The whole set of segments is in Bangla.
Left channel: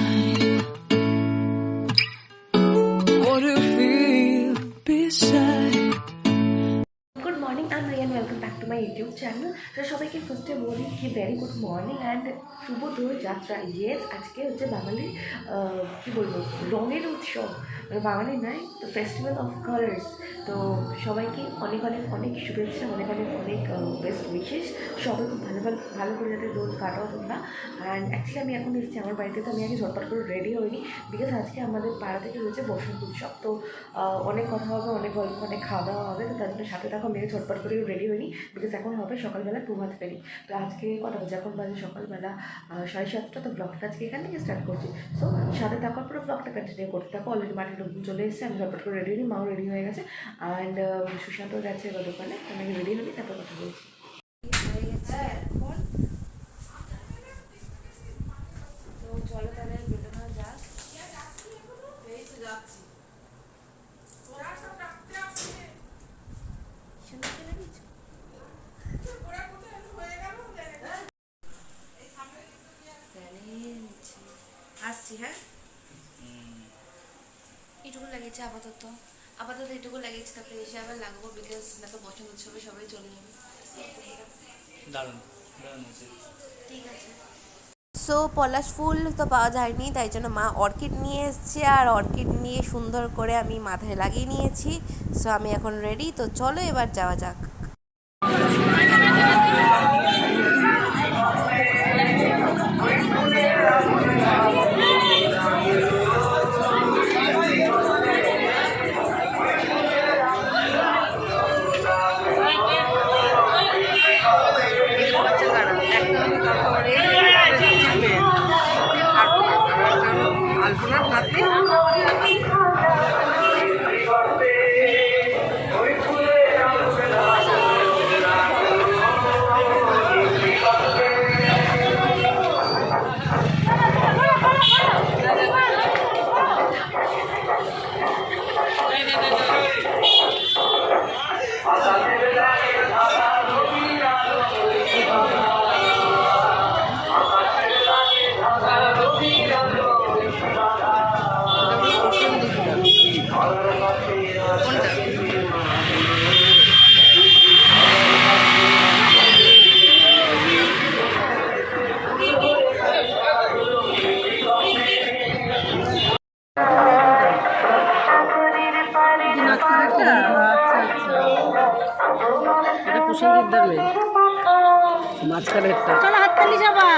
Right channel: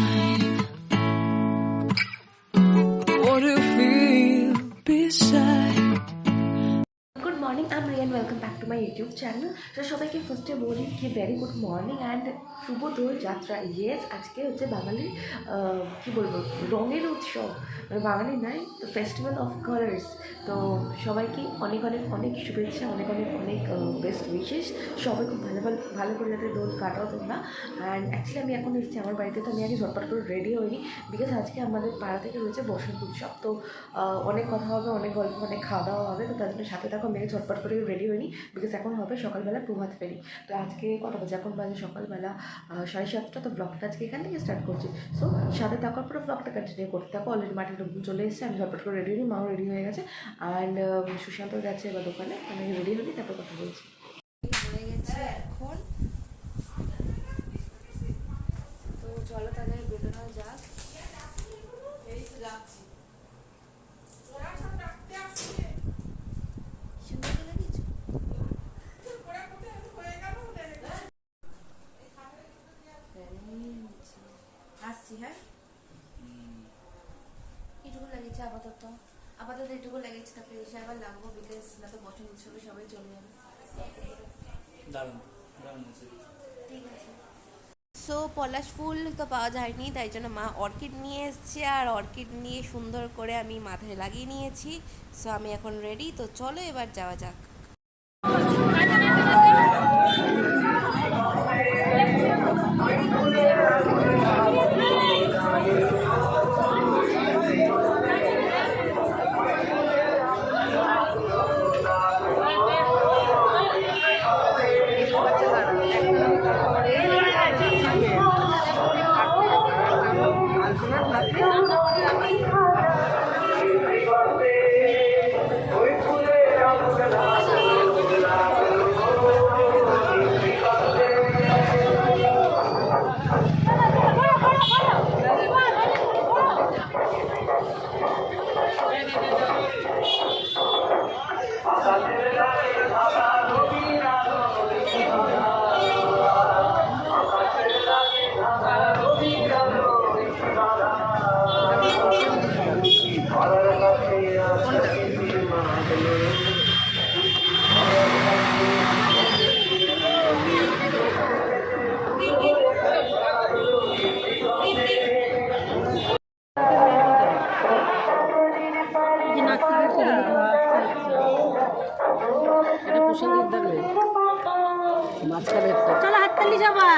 mine. What do you feel beside? Good morning, I'm Rian. Welcome back to my YouTube channel. So সবাইকে ফার্স্টে বলি কি ভেরি গুড মর্নিং অ্যান্ড শুভ দোল যাত্রা। ইয়েস, আজকে হচ্ছে বাঙালির কী বলবো রঙের উৎসব, মানে বাঙালি নয় তো ফেস্টিভ্যাল অফ কালার্স। তো সবাইকে অনেক অনেক অনেক শুভেচ্ছা, অনেক অনেক অনেক বেস্ট উইশেস। সবাই খুব ভালো করে যাতে দোল কাটাও তোমরা। অ্যান্ড অ্যাকচুয়ালি আমি এখন এসেছি আমার বাড়িতে, তো আমি আগে ঝটপট করে রেডি হইনি বিকজ আজকে আমাদের পাড়া থেকে রয়েছে বসন্ত উৎসব। তো অনেক কথা হবে, অনেক গল্প, অনেক খাওয়া দাওয়া হবে। তো তার জন্য সাথে থাকো, মেয়ে ঝটপট করে রেডি হইনি বিকজ এখন হবে সকালবেলা প্রভাত ফেরি। তো আজকে কটা বাজে, এখন বাজে সকালবেলা 7:30। তো ব্লগটা আজকে এখান থেকে স্টার্ট করছি। সো সাথে থাকার পরে ব্লগটা কন্টিনিউ করতে থাকো। অলরেডি মাটির রুম চলে এসেছে, আমি ঝটপট করে রেডি হই, মাও রেডি হয়ে গেছে। অ্যান্ড সুশান্ত যাচ্ছে এবার দোকানে, আমি রেডি হই, তারপর কথা বলছি। তো চলো তাহলে বেরোনো যাক। এই তো যাচ্ছি। আসছি, হ্যাঁ এইটুকু লেগেছে আপাতত এইটুকু লেগেছে, তারপরে এসে আবার লাগবো বিকজ না তো বসন্ত উৎসবে সবাই চলে যাবে। ঠিক আছে। সো পলাশ ফুল তো পাওয়া যায়নি, তাই জন্য মা অর্কিড নিয়ে এসছে, আর অর্কিড নিয়ে সুন্দর করে আমি মাথায় লাগিয়ে নিয়েছি। সো আমি এখন রেডি, তো চলো এবার যাওয়া যাক। আলপনার হাতে মাঝখানে হাততালি সবাই।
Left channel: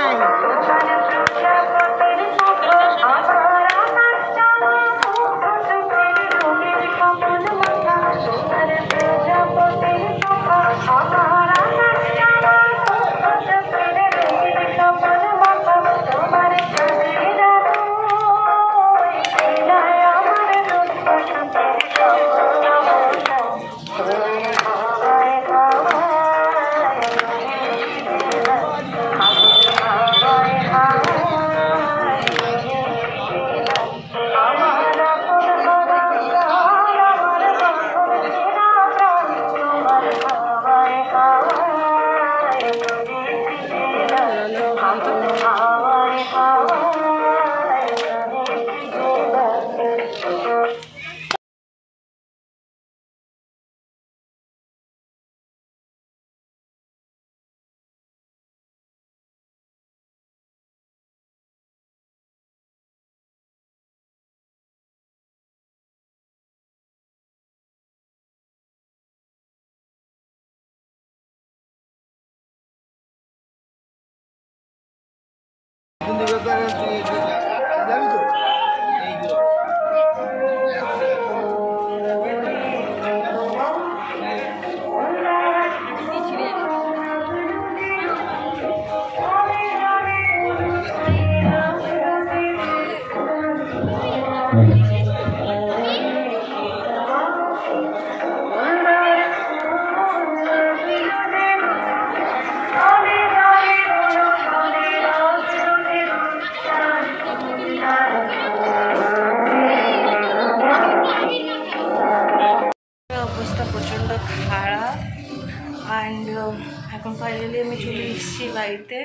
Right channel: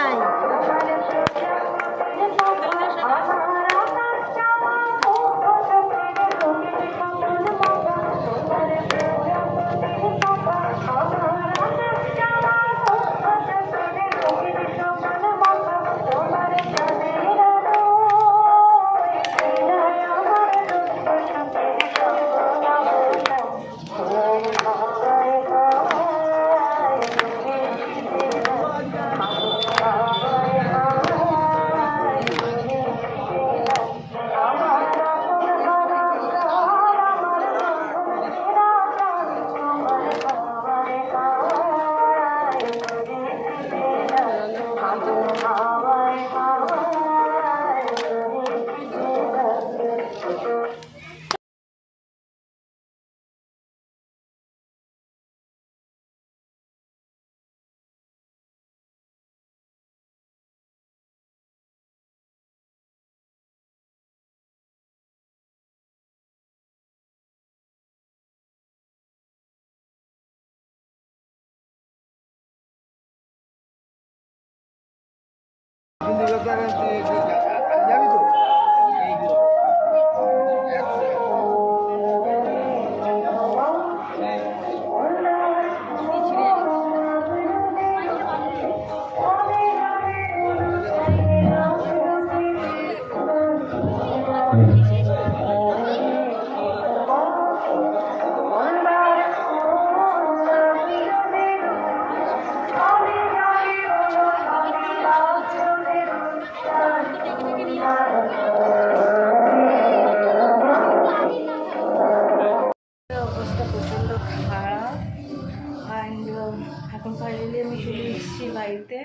এখন ফাইনালি আমি চলে এসেছি বাড়িতে।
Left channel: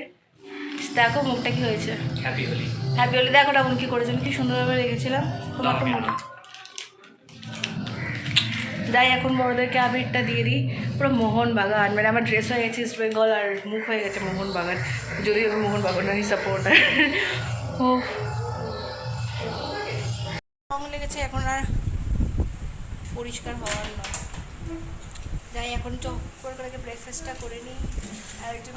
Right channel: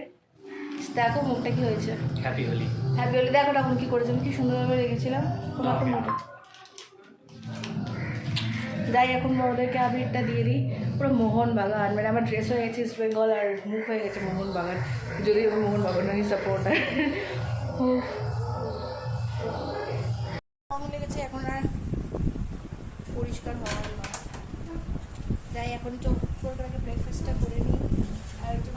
দেখো মুখটা কি হয়েছে। হ্যাপি হোলি। হ্যাপি হোলি দেখো তখন কী করেছি, আমি কি সুন্দরভাবে রেখেছিলাম, তোমার তো মোটা। যাই এখন বড়োদেরকে আবিরটা দিয়ে দিই। পুরো মোহনবাগান, মানে আমার ড্রেস হয়ে গেছে ইস্ট বেঙ্গল আর মুখ হয়ে গেছে মোহনবাগান, যদিও আমি মোহনবাগানেরই সাপোর্টার। ও রং লেগেছে, এখন আর পরিষ্কার হওয়ার নয়। যাই এখন চোখ করে ব্রেকফাস্টটা করে নিই। আর একটু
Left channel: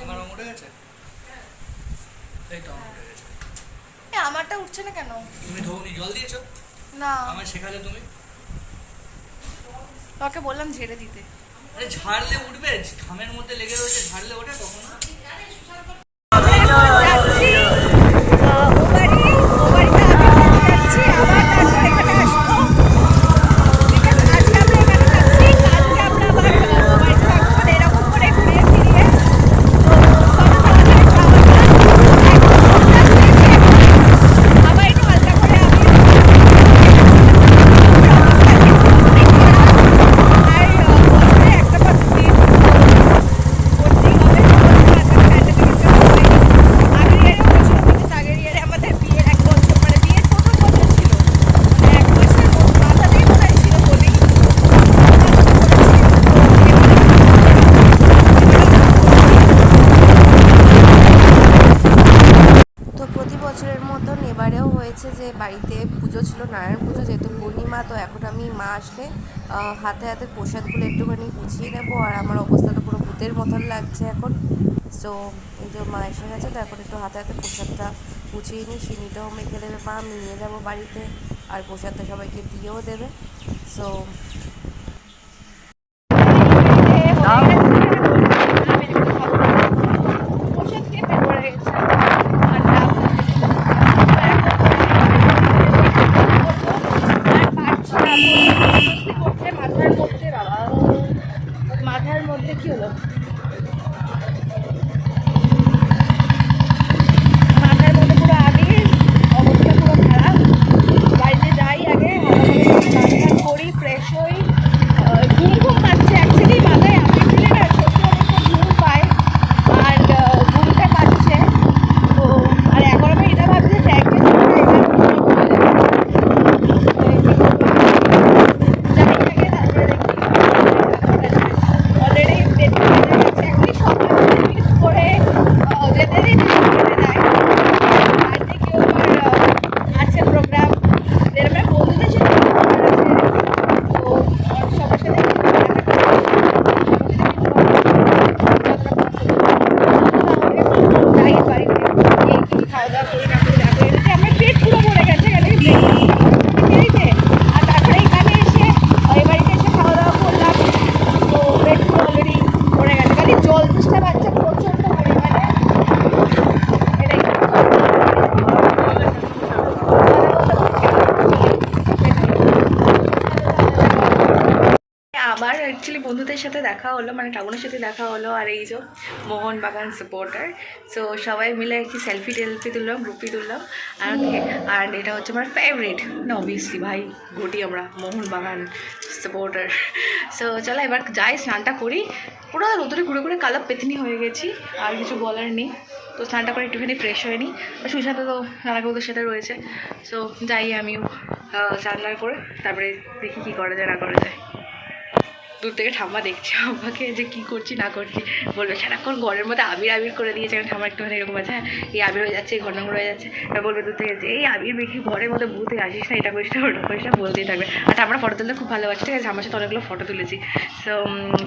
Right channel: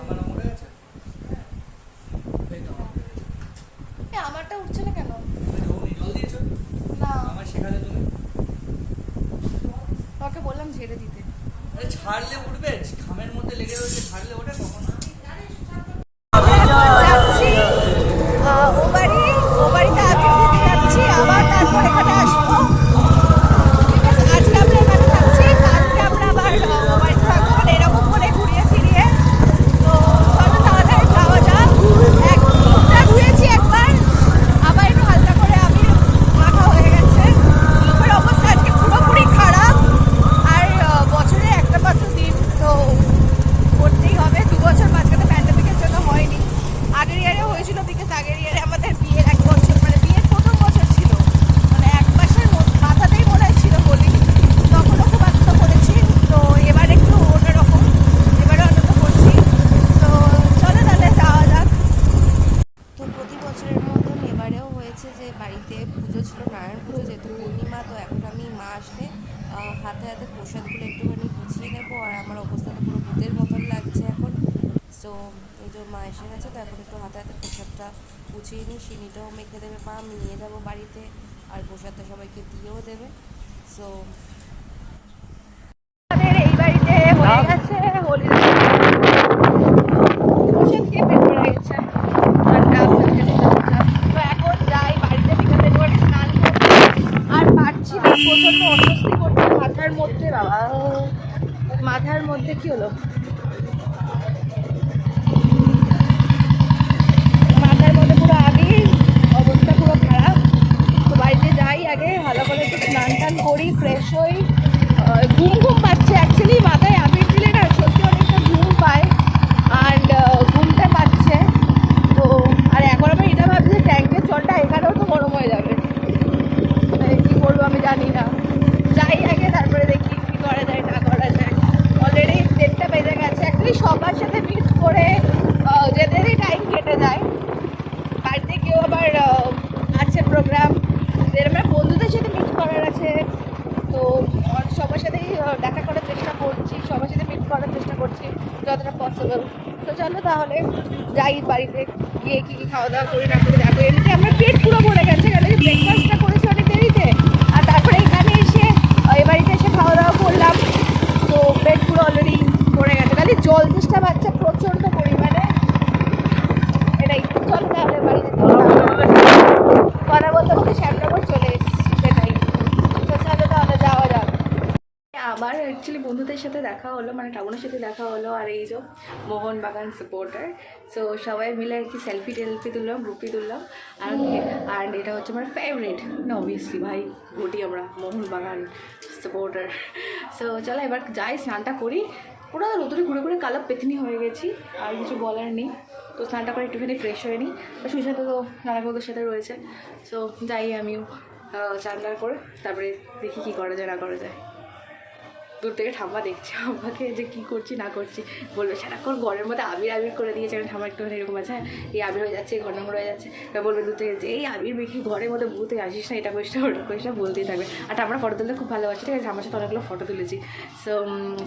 আমারটা উঠছে না কেন? জল দিয়েছো না, আমার শেখালে তুমি। তোকে বললাম ঝেড়ে দিতে। ঝাড়লে উঠবে, ঘামের মধ্যে লেগে রয়েছে, ঝাড়লে ওঠে তখন। যাচ্ছি ও বাড়িতে আগে যাচ্ছি, আবার তারপর এখানে আসবো। আজকে আমরা এখানে থাকছি, কালকে আমরা আবার ও বাড়িতে থাকবো, মানে এরকম করে ঘুরিয়ে ফিরিয়ে। তো চলো তাহলে যাওয়া যাক। একটা ধুয়েছি একবার, আবার একটু হালকা করে আমি অবস্থা পুরোপুরি খারাপ। আর বছরে একটা মাত্র দিন তো করতেই হবে। বছর মাঝখানে প্যান্ডেমিকের জন্য হয়নি, আগের ইয়ারে হয়েছিল, বিকজ আগের ইয়ারে আমাদের বিয়ের 1 বছর, মানে বিয়ের প্রথম বছর ছিল, মানে 1 মাসের মাথাতেই মনে হয় ছিল বলি, তখন মাথাতে করেছি। তো এবারে কিন্তু অন্যরকম, এবারে আমরা করছি। তো প্রতি বছরের মতন এবারেও হয়েছে যে বাড়িতে পুজো ছিল, নারায়ণ পুজো, যেহেতু পূর্ণিমা। তো এখন আমি মা আসলে হাতে হাতে প্রসাদগুলো একটুখানি গুছিয়ে নেবো। আর আমার অবস্থা তো পুরো ভূতের মতন লাগছে এখন। সো এই যে মা এসে গেছে, তো এখন একটু হাতে হাতে প্রসাদটা গুছিয়ে নিই। চিনিটাও মেখে দেবে মা, আমি নিয়ে যাবো বাড়িতে, আর প্রসাদটা সবাইকে দিয়েও দেবে। সো মাথার মধ্যে কি হলো, মাথার মধ্যে পুরো আগে অবস্থা পুরো খারাপ। তো বাড়িতে যাই, আগে ভালো স্নান টান করি, ফ্রেশ হই। ঘুম পাচ্ছে অ্যাকচুয়ালি, মাথায় আগে দিলে না সত্যি অনেকটা ঘুম পায়, আর ঘুমটা পাচ্ছে। তো আর এখন আমি এটা ভাবছি যে ট্যাঙ্কের জলটা এখানেও গরম হয়ে যাবে, কী করবো যাই আগে, তারপরে দেখি অলরেডি ডেটটা বেড়ে গেছে। অ্যাকচুয়ালি সকাল মিট করে যেতেরই টাইম কেটে যায়। বাড়িতে কেউ আবার আছে প্রোগ্রাম, যেরকম বন্ধুদের সাথে আছে, তো সবার সাথে দেখা করে সবার সাথে মিট করা যতটা পসিবল। তাহলে যাই বাড়িতে গিয়ে কিছু খাওয়া দাওয়া করি, না করে যাবো। এদিকে আমার পেট পুরো ভরে গেছে, কেন কি ব্রেকফাস্টটা করেছি অনেক দেরিতে, আর তারপরে এখানে এসে এ বাড়িতে এসে খাওয়া দাওয়া করলাম। তো পেট পুরো অলরেডি ভরে গেছে, খালি জল চেষ্টা পাচ্ছে প্রচণ্ড পরিমাণে। এটা একটু জল কথা বলতে বলতে চলে এসেছি, সেটাই। তাহলে যাওয়া যাবে। আমার অ্যাকচুয়ালি বন্ধুদের সাথে দেখা হলো, মানে টাউনের সাথে দেখা হলো, আর এই যে মোহনবাগান সাপোর্টার। সো সবাই মিলে আর কি সেলফি তুললাম, গ্রুপি তুললাম। আর এটা হচ্ছে আমার ফেভারিট, না অবভিয়াসলি ভাই ঘটি, আমরা মোহনবাগান সাপোর্টার। সো চলো এবার যাই, স্নানটা করি। পুরো রোদরে ঘুরে ঘুরে কালো পেতনি হয়ে গেছি, আর কিছু বলার নেই। তো স্নানটা করে একটুখানি ফ্রেশ হয়ে নিই। সুশান্ত তো নানাগৌদের সাথে রয়েছে। সো যাই আমিও স্নান করে, তারপরে দেখি কী করা যায় না করা যায়। দূর থেকে ঠাম্মা দেখছে আমাকে যে কী করছি না করছি, বলবে সারাক্ষণ ঘরের মধ্যে আবির করে দিয়েছে। কারণ ঠাম্মা একটুখানি এরকম আছে, হ্যাঁ এই আবির হয়ে যাচ্ছে, এই ঘর নোংরা হয়ে যাচ্ছে, বলবে দূর থেকে যে এই আবির বেশি ঘরের মধ্যে ভূতে আসিস না, এটা করিস না ওটা করিস না, বলতেই থাকবে। আর ঠাম্মার ফটো তুলতে খুব ভালোবাসে, ঠিক আছে, আমার সাথে অনেকগুলো ফটো তুলেছি। সো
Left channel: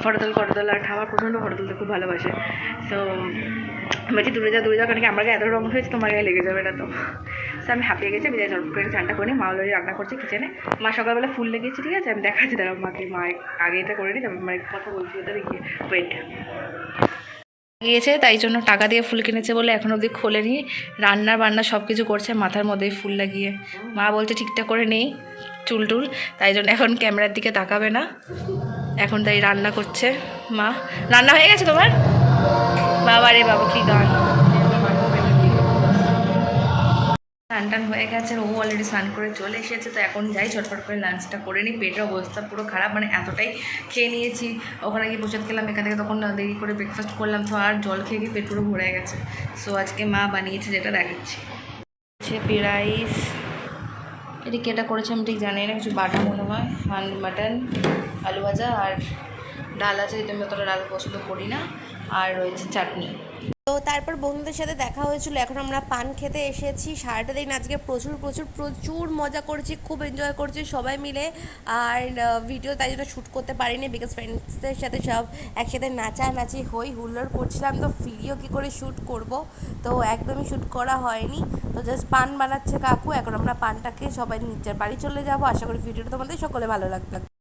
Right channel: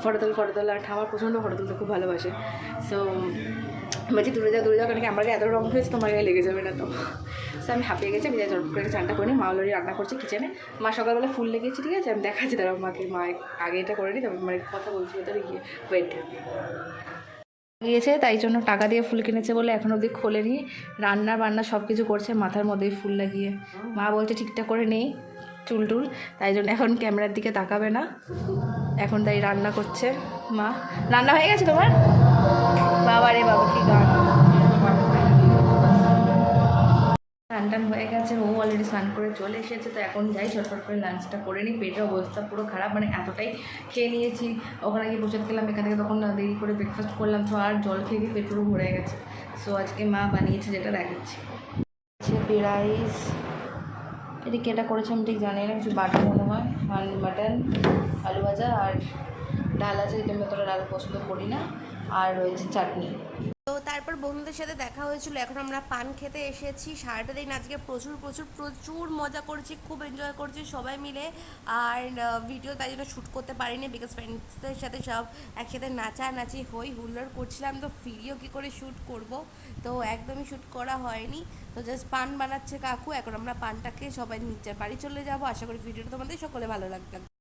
ফটো তোলা, আর ঠাম্মার প্রচণ্ড ফটো তুলতে খুব ভালোবাসে। সো বলছি দূরে যাও, কারণ কি আমার গায়ে এত রঙ হয়েছে, তোমার গায়ে লেগে যাবে না তো। সো আমি হাঁপিয়ে গেছি, আমি যাই ঝট করে চানটা করে নিই। মা অলরেডি রান্না করছে কিচেনে। মা সকালবেলা ফুল লেগেছে, ঠিক আছে, আমি দেখাচ্ছি দাঁড়াও মাকে, মা আগে এটা করে নিই, তারপর মানে কথা বলছি ভেতরে গিয়ে, ওয়েট। গিয়েছে তাই জন্য টাকা দিয়ে ফুল কিনেছে বলে এখন অবধি খোলেনি, বান্না সব কিছু করছে মাথার মধ্যেই ফুল লাগিয়ে। মা বলছে ঠিকঠাক করে নেই চুল, তাই জন্য এখন ক্যামেরার দিকে তাকাবে না, এখন তাই রান্না করছে মা। রান্না হয়ে গেছে তোমার? বাবা রে বাবা, কি গান! স্নান হয়ে গেছে, ও অলরেডি স্নান করে চলে এসেছে। তো এখন যাই ঝটফট করে লাঞ্চটা করে নিই। পেটের অবস্থা পুরো খারাপ, মানে এতটাই খেয়ে নিয়েছি, ওখানে গিয়ে প্রসাদ খেলাম, এখান থেকে তখন দেরি করে ব্রেকফাস্ট করলাম, তো আর জল খেয়ে গিয়ে পেট পুরো ভরে গেছে। সো আজকে মা বানিয়েছে, যেটা দেখাচ্ছি। রয়েছে রাইস, এটা কি এটা করেছে আমি ঠিক জানি না, কিছু বাটা মনে হয়, মাটন, আলু ভাজা আর ডাল আছে, যেটা আমি অতটা ডাল পছন্দ করি না, আর রয়েছে চাটনি। তো তারপর বন্ধুদের সাথে দেখা হয়েছিল, এখন আমরা পান খেতে এসেছি। সারাটা দিন আজকে প্রচুর প্রচুর প্রচুর মজা করছি, খুব এনজয় করছি সবাই মিলে। আর ভিডিও তাই জন্য শ্যুট করতে পারিনি, বিকজ ফ্রেন্ডসদের সাথে সব একসাথে নাচানাচি হই হুল্লোড় করছিলাম, তো ভিডিও কী করে শ্যুট করব, তো একদমই শ্যুট করা হয়নি। তো জাস্ট পান বানাচ্ছে কাকু, এখন আমরা পানটাকে সবাই নিচের বাড়ি চলে যাব। আশা করি ভিডিওটা তোমাদের সকলে ভালো লাগবে।